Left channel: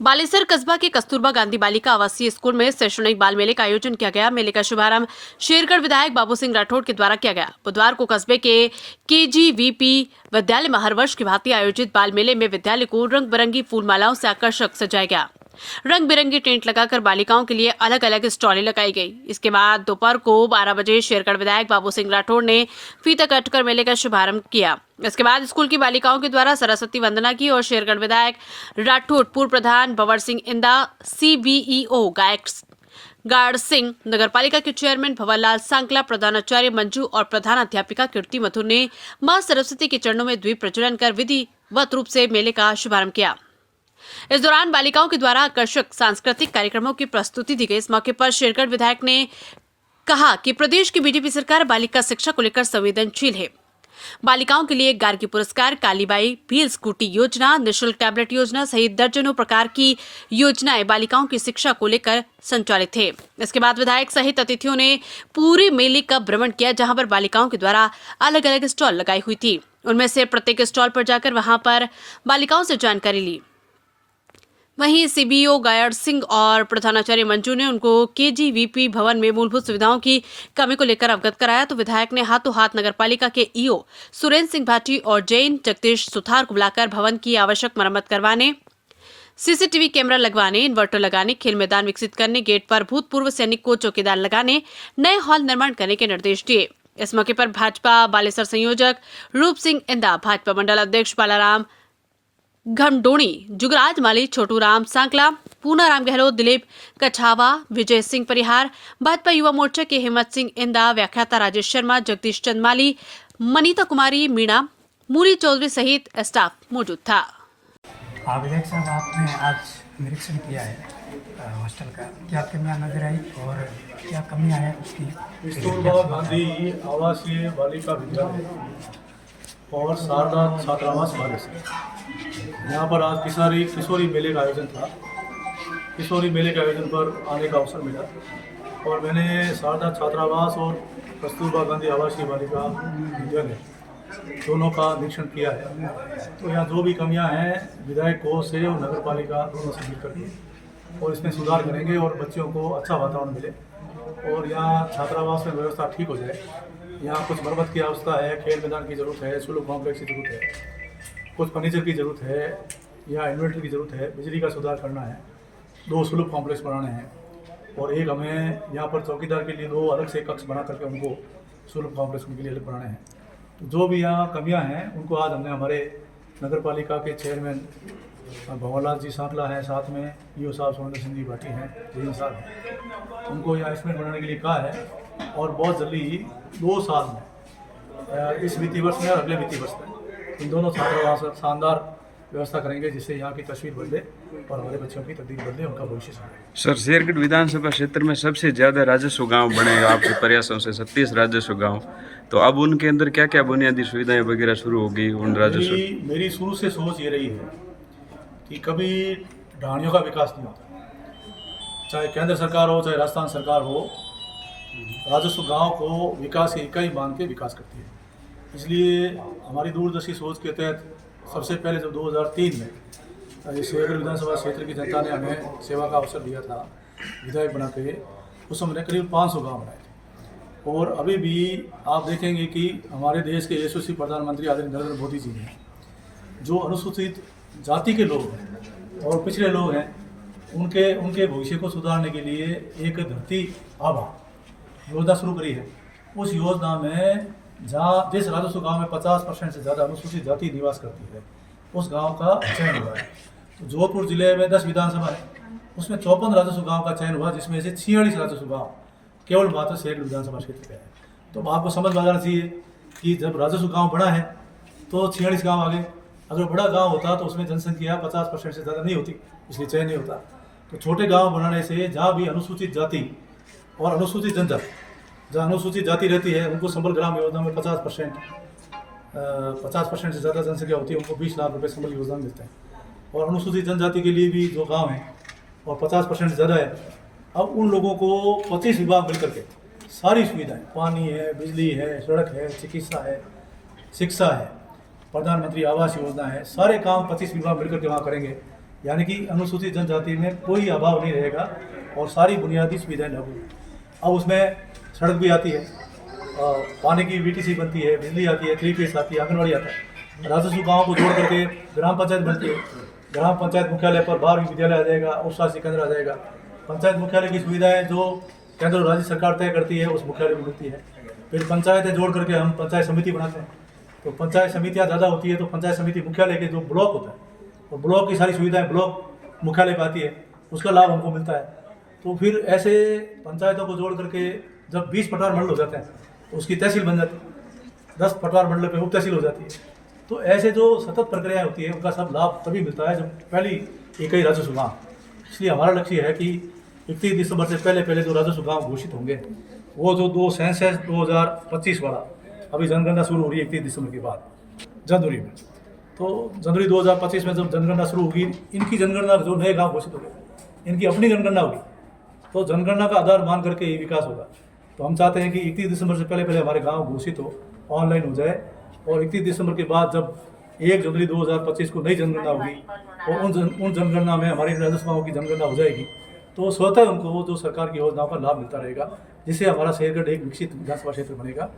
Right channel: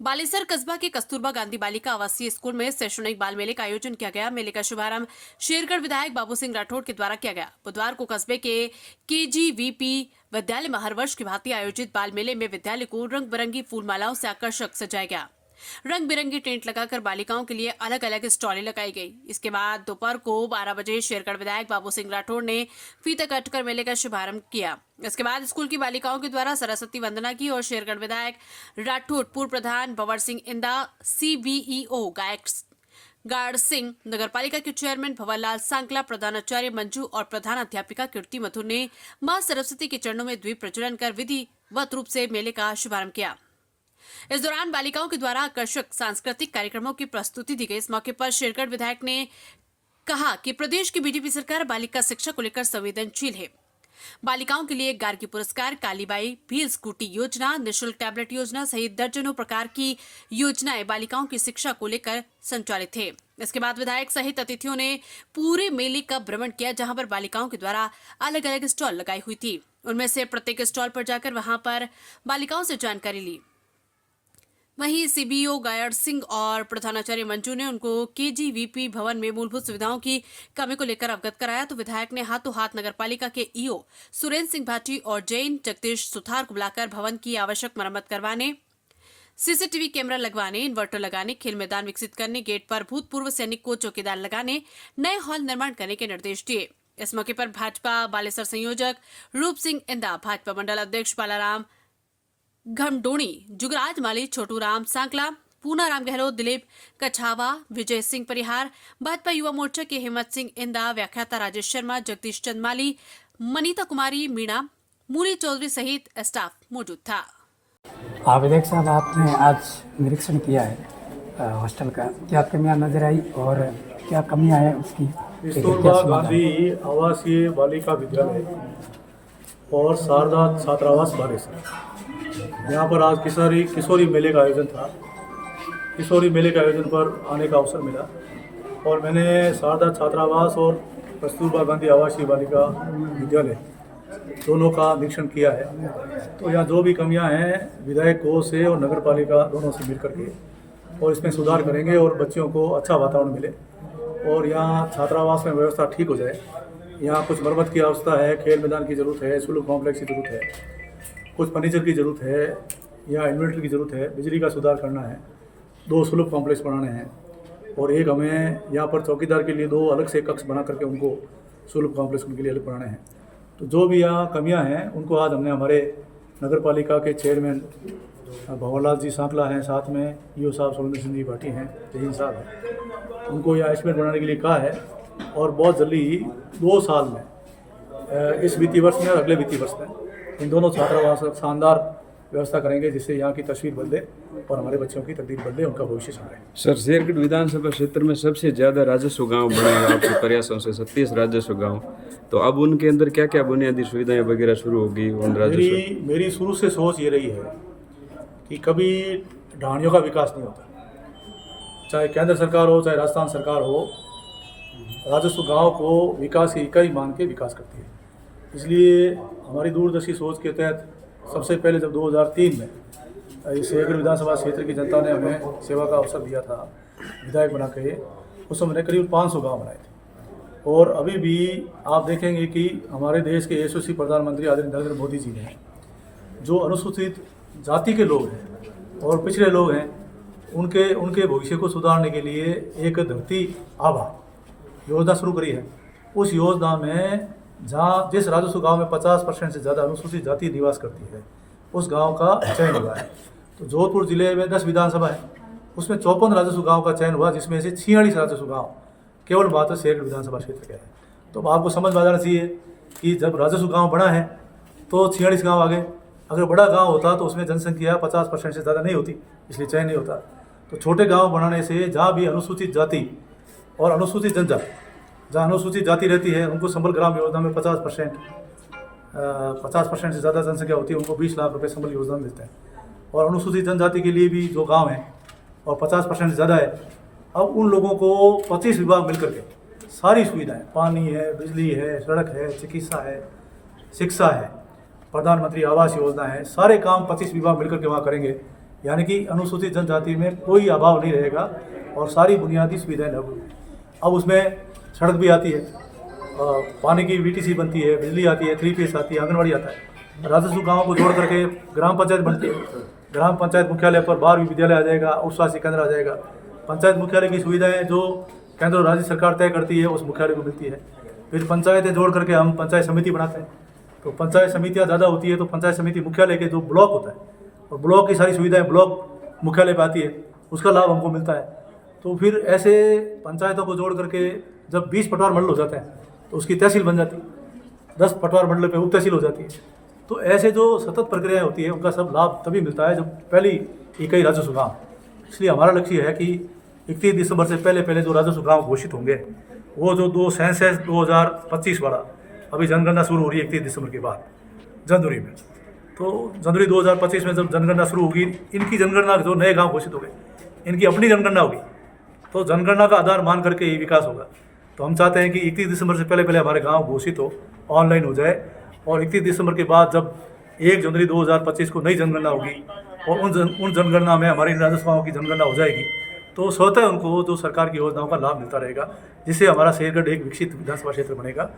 बालेसर कस्बा के कस्तूरबा गांधी बालिका आवासीय स्कूल में शैक्षणिक बाल मेले का आयोजन किया गया। मेले का शुभारंभ शेरगढ़ विधायक बाबू सिंह राठौड़ के द्वारा किया गया। बुधवार को कस्बे के KGVP विद्यालय में हर वर्ष की भांति आयोजित बाल मेले में विद्यालय को रंग बिरंगी फूल मालाओं से आकर्षक सजाया गया। रंग बिरंगी टेंट लगाकर बालिकाओं के लिए अलग अलग स्टॉलें लगाई गई। इसके बाद दोपहर को 12 बजे शेरगढ़ विधायक बाबू सिंह राठौड़ ने फीता काटकर मेले का शुभारंभ किया। इसके बाद स्कूल की बालिकाओं के द्वारा सरस्वती वंदना की और शेरगढ़ विधायक राठौड़, पूर्व प्रधान भंवर सिंह इंदा, CBEO गार्ड सिंह, नगर पालिका के चेयरमैन भंवरलाल सांकला, प्रधानाचार्य मंजू और प्रधानाध्यापिका कीर्ति मथुर ने मां सरस्वती के चरणों में द्वीप प्रज्वलन कर विधिवत रूप से मेले का शुभारंभ किया। इस दौरान बालिकाओं के द्वारा आकर्षक सांस्कृतिक कार्यक्रमों की प्रस्तुति दी गई। इस मौके पर शेरगढ़ विधायक ने कहा कि प्रदेश की बीजेपी सरकार बालिका शिक्षा को लेकर संवेदनशील है। बालिकाओं के लिए गार्गी पुरस्कार, कालीबाई व्हील स्कूटी योजना, निःशुल्क टैबलेट योजना सहित दर्जनों प्रकार की योजनाएं बालिकाओं की शिक्षा को लेकर संचालित थे। इसके बाद विधायक सहित अतिथियों ने पूरे मेले का भ्रमण किया, जहां पर बालिकाओं के द्वारा अलग अलग स्टॉल लगाई हुई थी। उनमें से प्रत्येक स्टॉल पर जाकर वहां पर बालिकाओं से जानकारी ली। वहीं CBO गार्ड सिंह और प्रधानाचार्य मंजू ने उनको KGVP भवन में मूलभूत सुविधाओं की कमी को लेकर अवगत कराया। तो विधायक ने हाथों हाथ नगर पालिका के EO सुरेंद्र सिंह भाटी और जैन जगदीश सुथार को बुलाकर भवन की आवश्यक मरम्मत करवाने, CCTV कैमरा लगवाने, इन्वर्टर लगाने, खेल मैदान विकसित करने, गेट पर भूतपूर्व सैनिक को चौकीदार लगाने, नए हॉल निर्माण करने के निर्देश दिए। इस मौके पर भाजपा बालेसर संयोजक रूप सिंह इंदा, भाजपा मंडल अध्यक्ष बालाराम घमडोणी, जुगराज माली, छोटू राम सांकला, पूनाराम गहलोत, दिलीप कछावा, विजय सिंह परिहार, भाजपा युवा मोर्चा के हिम्मत सिंह इंदा, व्याख्याता राजेश शर्मा, जगदीश चंद माली, मनीता कुमारी मीणा, मूरी चौधरी सहित स्टाफ मौजूद था। विधायक साहब, आपने आज निरीक्षण किया है हॉस्टल का, क्या कमियां नजर आई और क्या कमियां हैं उसकी? कस्तूरबा गांधी आवासीय बालिका विद्यालय और शारदा छात्रावास बालेसर, यहाँ पर आज किशोरी मेले का आयोजन था। किशोरी मेले के आयोजन पर आने का अवसर मिला और मैंने शारदा छात्रावास और कस्तूरबा गांधी आवासीय बालिका विद्यालय दोनों का निरीक्षण किया है। तो यहाँ जो भी कमियां हैं विधायक को से और नगर पालिका दोनों से मिलकर के और इसमें सुधार करेंगे और बच्चों को अच्छा वातावरण मिले और यहाँ छात्रावास में व्यवस्था ठीक हो जाए। यहाँ कुछ मरम्मत की आवश्यकता है, खेल मैदान की ज़रूरत है, स्कूल कॉम्प्लेक्स की ज़रूरत है, कुछ फर्नीचर की ज़रूरत है, यहाँ इन्वर्टर की ज़रूरत है, बिजली का सुधार करना है, 2 स्कूल कॉम्प्लेक्स बनाने हैं और एक हमें यहाँ पर चौकीदार के लिए 2 अलग से कक्ष बना करके उनको स्कूल कॉम्प्लेक्स उनके लिए अलग बनाने हैं। तो जो भी यहाँ कमियाँ हैं उनको आज हमने हमारे नगर पालिका के चेयरमैन भंवरलाल जी सांकला हैं, साथ में EO साहब सुरेंद्र सिंह जी भाटी हैं, जैन साहब हैं, उनको यहाँ एस्टिमेट बनाने के लिए कहा है और बहुत जल्दी 2 साल में इस वित्तीय वर्ष में और अगले वित्तीय वर्ष में इन दोनों छात्रावास शानदार व्यवस्था करेंगे, जिससे यहाँ की तस्वीर बदले और हमारे बच्चों की तकदीर बदले, उनका भविष्य सुधरे। सर, शेरगढ़ विधानसभा क्षेत्र में सबसे ज़्यादा राजस्व गांव बने आपके प्रयासों से 37 राजस्व गांव, तो अब उनके अंदर क्या क्या बुनियादी सुविधाएं वगैरह शुरू होगी? उन राजस्व मेरी शुरू से सोच ये रही है कि कभी ढाणियों का विकास नहीं होता, चाहे केंद्र सरकार हो चाहे राजस्थान सरकार हो, राजस्व गाँव को विकास की इकाई मान के विकास करती है। इसलिए हमारी दूरदर्शी सोच के तहत सबसे पहले जब 2003 में इस शेरगढ़ विधानसभा क्षेत्र की जनता ने हमें सेवा का अवसर दिया था विधायक बना के, उस समय हमने करीब 500 गाँव बनाए थे। और अभी भी आप देखेंगे कि हमारे देश के यशस्वी प्रधानमंत्री आदरणीय नरेंद्र मोदी जी ने जो अनुसूचित जाति के लोग हैं और पिछड़े लोग हैं उनके भविष्य को सुधारने के लिए एक धरती आभा योजना शुरू करी है। उस योजना में जहाँ जिस राजस्व गांव में 50% से ज़्यादा अनुसूचित जाति निवास करती है उस गांव का चयन हुआ है। तो जोधपुर जिले में 10 विधानसभा है, उसमें 54 राजस्व गांव का चयन हुआ, जिसमें से 46 राजस्व गांव केवल मात्र शेरगढ़ विधानसभा क्षेत्र के हैं। तो आपको समझ में आ जाना चाहिए कि जब राजस्व गांव बड़ा है तो 46 गाँव आ गए। अगर बड़ा गाँव होता तो उसमें जनसंख्या 50% से ज़्यादा नहीं होती, इसलिए चयन नहीं होता। तो छोटे गाँव बनाने से जहाँ भी अनुसूचित जाति और अनुसूचित जनजाति, जहाँ अनुसूचित जाति रहती है उनको संबल ग्राम योजना में 50% से ज़्यादा जनसंख्या होती है, उनको 20 लाख रुपए संबल योजना में मिलते हैं। और अनुसूचित जनजाति के लिए भी जो गांव हैं और 50% से ज़्यादा है, अब उन लोगों को 25 विभाग मिलकर के सारी सुविधाएं, पानी है, बिजली है, सड़क है, चिकित्सा है, शिक्षा है, प्रधानमंत्री आवास योजना है, सारे काम 25 विभाग मिलकर के वहाँ करेंगे। यानी कि अनुसूचित जनजाति में कोई अभाव नहीं रहेगा और सारी बुनियादी सुविधाएं लागू हैं। अब उसमें सड़क भी आती है, पानी की VTC बनती है, बिजली आती है, 3 फेस आती है, आंगनबाड़ी आता है। राजस्व गाँव को जोड़ करके ग्राम पंचायत बनती है। ग्राम पंचायत मुख्यालय पर 12वीं विद्यालय आ जाएगा, उप स्वास्थ्य केंद्र आ जाएगा। पंचायत मुख्यालय की सुविधाएं जो केंद्र और राज्य सरकार तय करती है उस मुख्यालय को मिलती है। फिर पंचायतें जोड़ करके हम पंचायत समिति बनाते हैं। तो पंचायत समितियाँ ज़्यादा होती है तो पंचायत समिति मुख्यालय के जो ब्लॉक होता है और ब्लॉक की सारी सुविधाएं ब्लॉक मुख्यालय पर आती है, उसका लाभ हमको मिलता है। तो फिर ऐसे पंचायतों को जोड़ करके जब 20 पटवार मंडल हो जाते हैं तो उसकी तहसील बन जाती है, 10 पटवार मंडल पे उप तहसील हो जाती है। तो ऐसे जो सतत प्रक्रियाएं होती है उनका सब लाभ तभी मिलता है जब पहली इकाई राजस्व गाँव। इसलिए हमारा लक्ष्य है कि 31 दिसंबर से पहले जो राजस्व गाँव घोषित होंगे वो जो सेंसस 2025 वाला, अभी जनगणना शुरू हो रही है 31 दिसंबर के बाद जनवरी में। तो जनवरी 2025 में जब जनगणना शुरू होगी, इनकी जनगणना जो नए गांव घोषित हो गए, इनकी अपनी जनगणना होगी, तो जनगणना का आधार मान करके ये विकास होगा। तो हम चाहते हैं कि 31 दिसंबर से पहले हमारे गांव घोषित हो, ऑनलाइन हो जाए और 31 दिसंबर के बाद जब 1 जनवरी 2025 को नई जनगणना होगी और उन जनगणना में हमारी राजस्व गाँव की जनगणना हो जाएगी, तो स्वतः उनको जो सरकार की योजनाओं का लाभ मिलता रहेगा, जिससे हमारा शेरगढ़ एक विकसित विधानसभा क्षेत्र बनेगा।